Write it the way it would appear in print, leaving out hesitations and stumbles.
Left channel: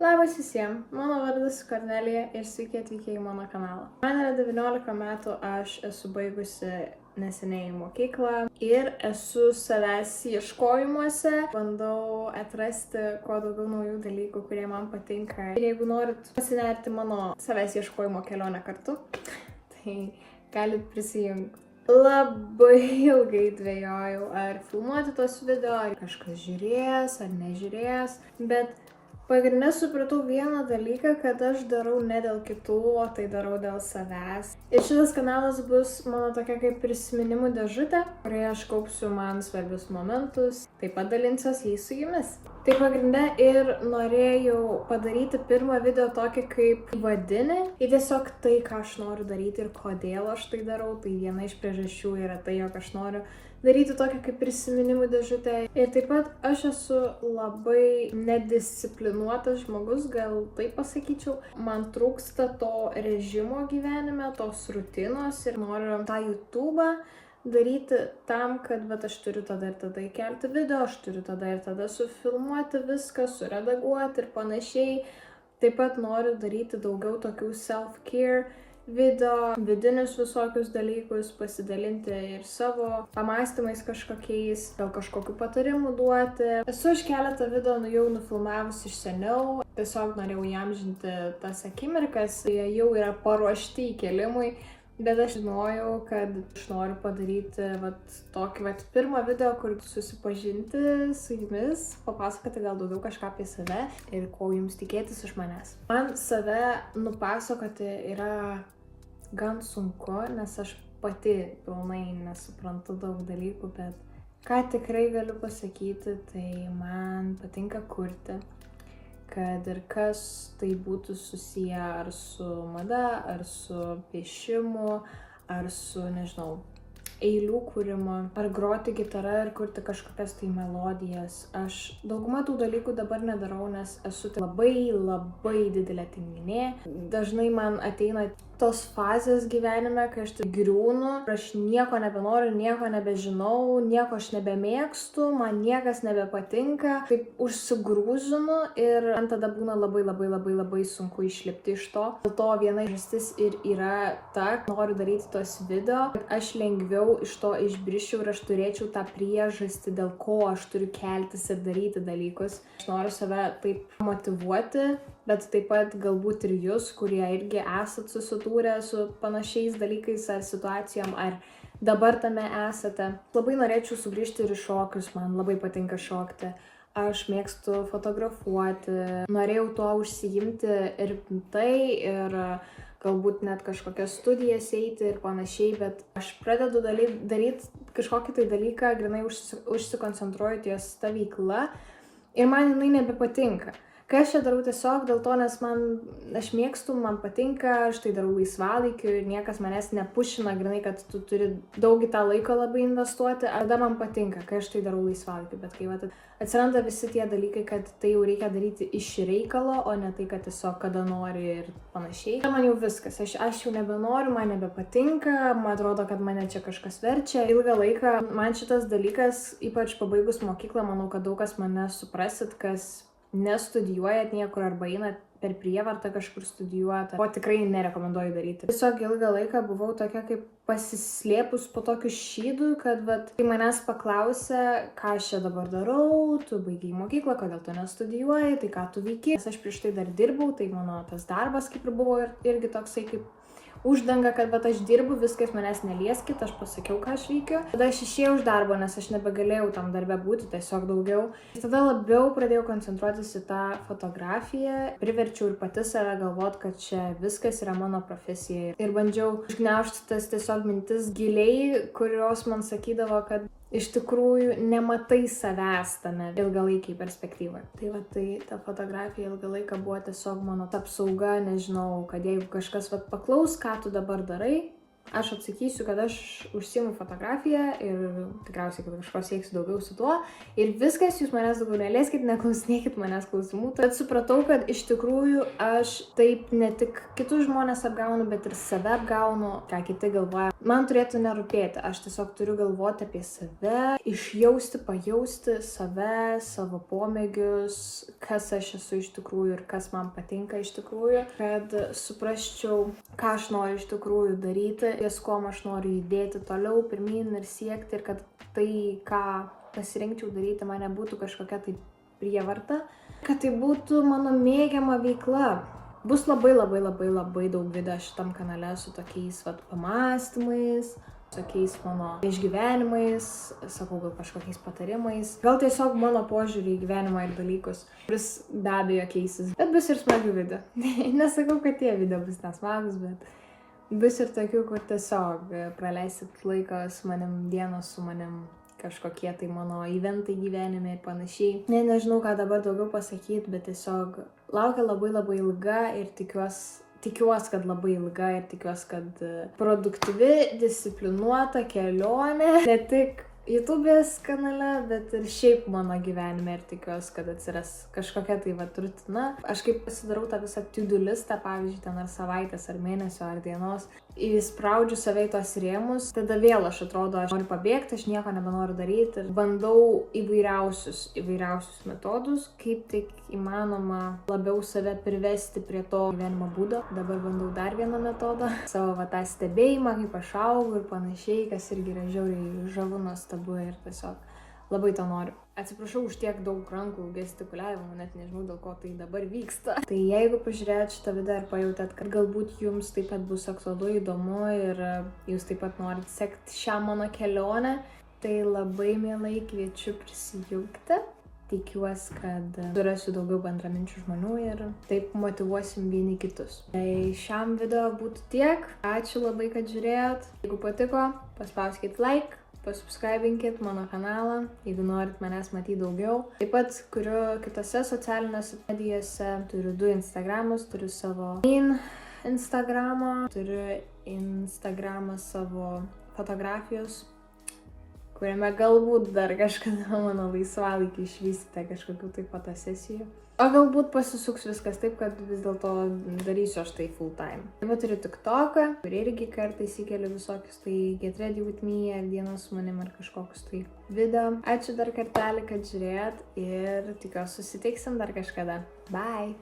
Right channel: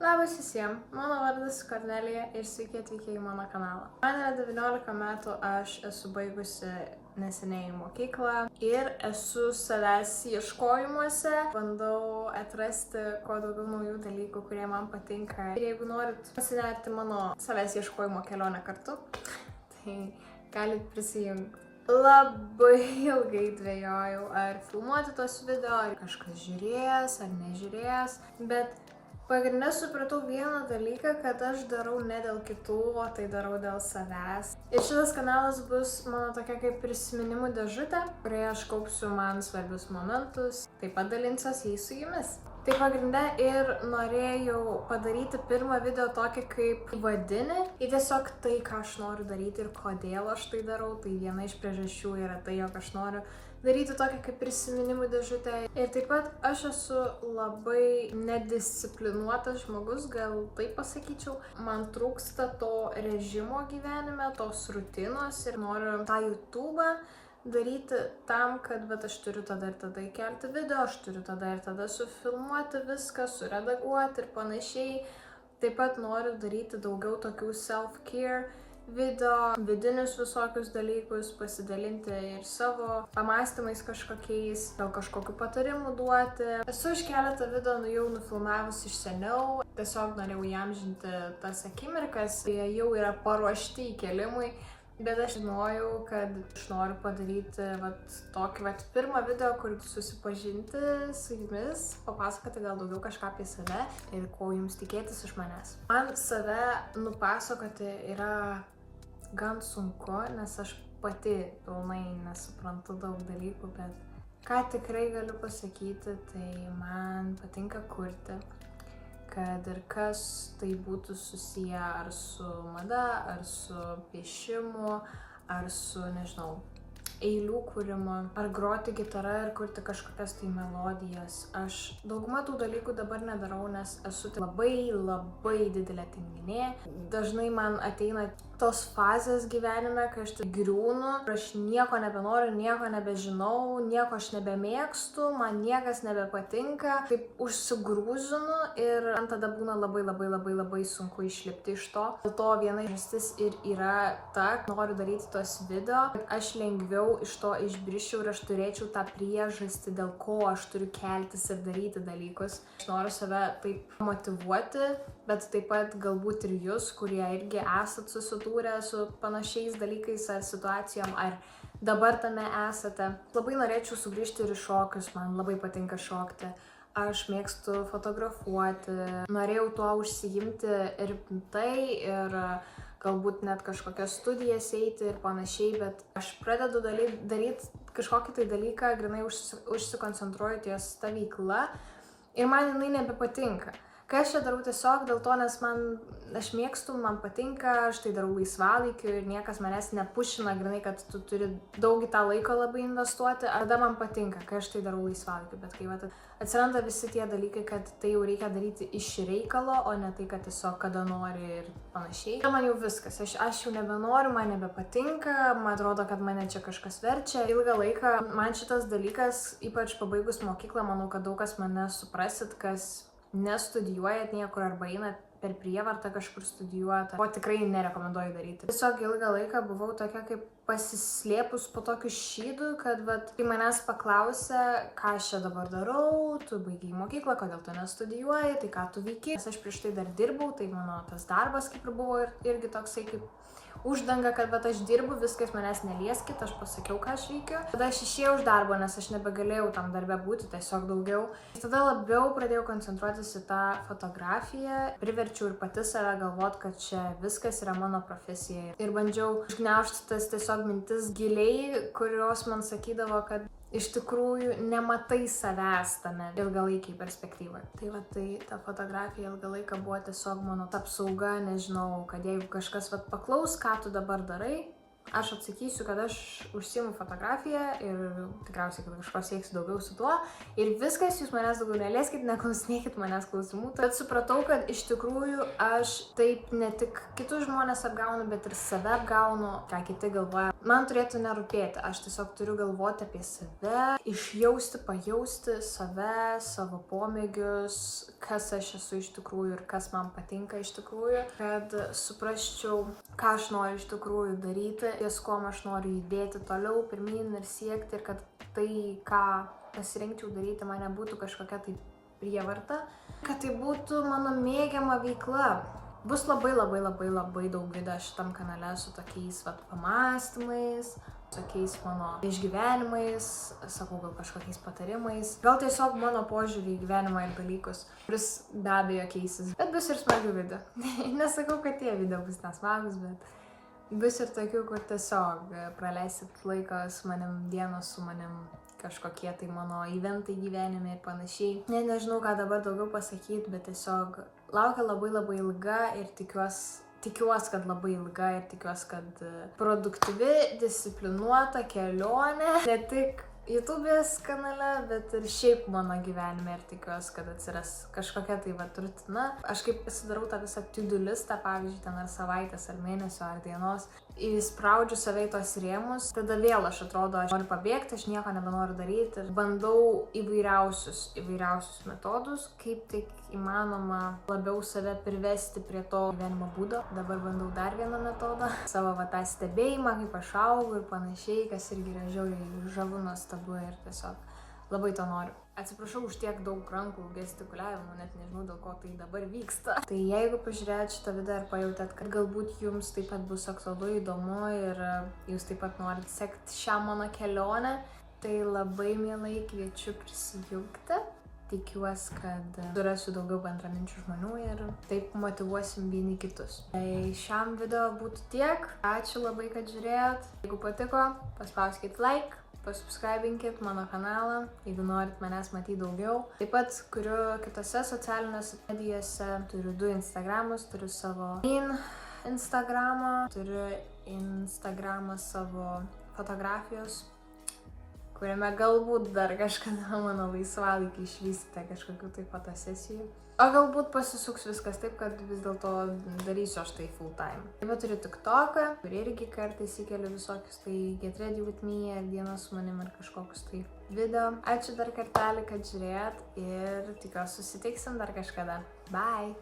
Labas visiems, mano vardas Kornelija ir sveiki atvykę į mano kanalą. Man yra 19 metų, aš esu baigusi neseniai mokyklą ir esu savęs ieškojimuose. Bandau atrasti kuo daugiau naujų dalykų, kurie man patinka. Ir jeigu norit pasinerti mano savęs ieškojimo kelionę kartu, tai galit prisijungti. Labai ilgai dvejojau, ar filmuoti tos video, ar kažkas žiūrės, ar nežiūrės, bet pagrinde supratau vieną dalyką, kad aš darau ne dėl kitų, o tai darau dėl savęs. Ir šitas kanalas bus mano tokia kaip prisiminimų dėžutė, kurioje aš kaupsiu man svarbius momentus, taip pat dalinsiuosi jais su jumis. Tai pagrinde ir norėjau padaryti pirmą video tokį kaip vadinį ir tiesiog tai, ką aš noriu daryti ir kodėl aš tai darau. Tai viena iš priežasčių yra tai, jog aš noriu daryti tokią kaip prisiminimų dėžutę. Ir taip pat aš esu labai nedisciplinuotas žmogus, gal taip pasakyčiau. Man trūksta to režimo gyvenime, tos rutinos ir noriu tą YouTube'ą daryti tam, kad aš turiu tada ir tada įkelti video, aš turiu tada ir tada sufilmuoti viską, suredaguoti ir panašiai. Taip pat noriu daryti daugiau tokių self-care video, vidinius visokius dalykus, pasidalinti ir savo pamastymais kažkokiais, gal kažkokių patarimų duoti. Esu iš keletą video jau nufilmavusi iš seniau, tiesiog norėjau įamžinti tas akimirkas, jie jau yra paruošti įkelimui. Bet aš žinojau, kad aš noriu padaryti tokį pirmą video, kur susipažinti su jumis, papasakoti gal daugiau kažką apie save ir ko jums tikėtis iš manęs. Man save nupasakoti yra gan sunku, nes aš pati pilnai nesuprantu daug dalykų, bet ką tikrai galiu pasakyti, tai man patinka kurti. Kad ir kas tai būtų susiję ar su mada, ar su piešimu, ar su, nežinau, eilių kūrimu, ar groti gitarą ir kurti kažkokias tai melodijas. Aš daugumą tų dalykų dabar nedarau, nes esu labai didelė tinginė. Dažnai man ateina tos fazės gyvenime, kai aš griūnu, aš nieko nebenoriu, nieko nebežinau, nieko aš nebemėgstu, man niekas nebepatinka, taip užsigrūzinu ir man tada būna labai sunku išlipti iš to. Dėl to viena priežastis ir yra ta, noriu daryti tos video, kad aš lengviau iš to išbriščiau ir aš turėčiau tą priežastį, dėl ko aš turiu keltis ir daryti dalykus. Aš noriu save taip motyvuoti, bet taip pat galbūt ir jūs, kurie irgi esat susidūrę su panašiais dalykais ar situacijom, ar dabar tame esate. Labai norėčiau sugrįžti ir į šokius, man labai patinka šokti. Aš mėgstu fotografuoti, norėjau tuo užsiimti ir tai, ir galbūt net kažkokias studijas eiti ir panašiai, bet aš pradedu daryti kažkokį tai dalyką, grinai užsikoncentruoju ties ta veikla ir man jinai nebepatinka. Kai aš čia darau tiesiog dėl to, nes aš mėgstu, man patinka, aš tai darau laisvalaikiu ir niekas manęs nepušina, grinai, kad tu turi daug į tą laiko labai investuoti, ar tada man patinka, kai aš tai darau laisvalaikiu, bet kai atsiranda visi tie dalykai, kad tai jau reikia daryti iš reikalo, o ne tai, kad tiesiog kada nori ir panašiai. Man jau viskas, aš jau nebenoriu, man nebepatinka, man atrodo, kad mane čia kažkas verčia. Ilgą laiką man šitas dalykas, ypač pabaigus mokyklą, manau, kad daug kas mane suprasit, kas nestudijuojat niekur arba einat per prievartą kažkur studijuoti, ko tikrai nerekomenduoju daryti. Tiesiog ilgą laiką buvau tokia kaip pasislėpus po tokiu šydu, kad kai manęs paklausė, ką aš čia dabar darau, tu baigiai mokyklą, kodėl tu nestudijuoji, tai ką tu veiki. Nes aš prieš tai dar dirbau, tai mano tas darbas kaip ir buvo irgi toksai kaip uždanga, kad aš dirbu, viskas manęs nelieskit, aš pasakiau, ką aš veikiu. Tada aš išėjau iš darbo, nes aš nebegalėjau tam darbe būti, tiesiog daugiau. Tada labiau pradėjau koncentruotis į tą fotografiją, priverčiau ir pati save galvot, kad čia viskas yra mano profesija. Ir bandžiau užgniaužti tas tiesiog mintis giliai, kurios man sakydavo, kad iš tikrųjų nematai savęs tame ilgalaikiai perspektyvai. Tai ta fotografija ilgą laiką buvo tiesiog mano apsauga, nežinau, kad jeigu kažkas paklaus, ką tu dabar darai, aš atsakysiu, kad aš užsiimu fotografiją ir tikriausiai, kad kažko sieksiu daugiau su tuo. Ir viskas, jūs manęs daugiau nelieskit, neklausinėkit manęs klausimų. Tad supratau, kad iš tikrųjų aš taip ne tik kitus žmonės apgaunu, bet ir save apgaunu, ką kiti galvoja. man turėtų nerūpėti, aš tiesiog turiu galvoti apie save, išjausti, pajausti save, savo pomėgius, kas aš esu iš tikrųjų ir kas man patinka iš tikrųjų, kad suprasčiau, ką aš noriu iš tikrųjų daryti, ties kuom aš noriu judėti toliau, pirmyn ir siekti, ir kad tai, ką pasirinkčiau daryti, man nebūtų kažkokia tai prievarta, kad tai būtų mano mėgiama veikla. Bus labai daug video šitam kanale su tokiais pamąstymais, tokiais mano išgyvenimais, sakau, gal kažkokiais patarimais, gal tiesiog mano požiūrį į gyvenimą ir dalykus, kuris be abejo keisis. Bet bus ir smagių video. Nesakau, kad tie video bus nesmagus, bet bus ir tokių, kur tiesiog praleisit laiką su manim, dienos su manim, kažkokie tai mano eventai gyvenime ir panašiai. Nežinau, ką dabar daugiau pasakyti, bet tiesiog laukia labai ilga ir tikiuosi, kad labai ilga ir tikiuosi, kad produktyvi, disciplinuota kelionė, ne tik YouTube'ės kanale, bet ir šiaip mano gyvenime, ir tikiuosi, kad atsiras kažkokia tai rutina. Aš kaip pasidarau tą visą to-do listą, pavyzdžiui, ten ar savaitės, ar mėnesio, ar dienos, įspraudžiu save į tos rėmus, tada vėl aš atrodo, aš noriu pabėgti, aš nieko nebenoriu daryti ir bandau įvairiausius metodus, kaip tik įmanoma labiau save privesti prie to gyvenimo būdo. Dabar bandau dar vieną metodą, savo tą stebėjimą, kaip aš augu ir panašiai, kas irgi yra žiauriai žavu, nuostabu ir tiesiog labai to noriu. Atsiprašau už tiek daug rankų gestikuliavimo, net nežinau, dėl ko tai dabar vyksta. Tai jeigu pažiūrėjot šitą video ir pajautėt, kad galbūt jums taip pat bus aktualu, įdomu ir jūs taip pat norit sekti šią mano kelionę, tai labai mielai kviečiu prisijungti. Tikiuosi, kad surasiu daugiau bendraminčių žmonių ir taip motyvuosim vieni kitus. Tai šiam video būtų tiek. Ačiū labai, kad žiūrėjot. Jeigu patiko, paspauskit like. Pasubscribinkit mano kanalą, jeigu norit manęs matyti daugiau. Taip pat kuriu kitose socialinėse medijose, turiu 2 Instagramus, turiu savo Instagramą, turiu Instagramą savo fotografijos, kuriame galbūt dar kažkada mano laisvalaikį išvysite kažkokių tai fotosesijų. O galbūt pasisuks viskas taip, kad vis dėlto darysiu aš tai full time. Taip pat turiu TikToką, kur irgi kartais įkeliu visokius tai Get Ready With Me ar dienos su manim ar kažkokius tai video. Ačiū dar kartelį, kad žiūrėjot ir tikiuosi susitiksim dar kažkada. Bye!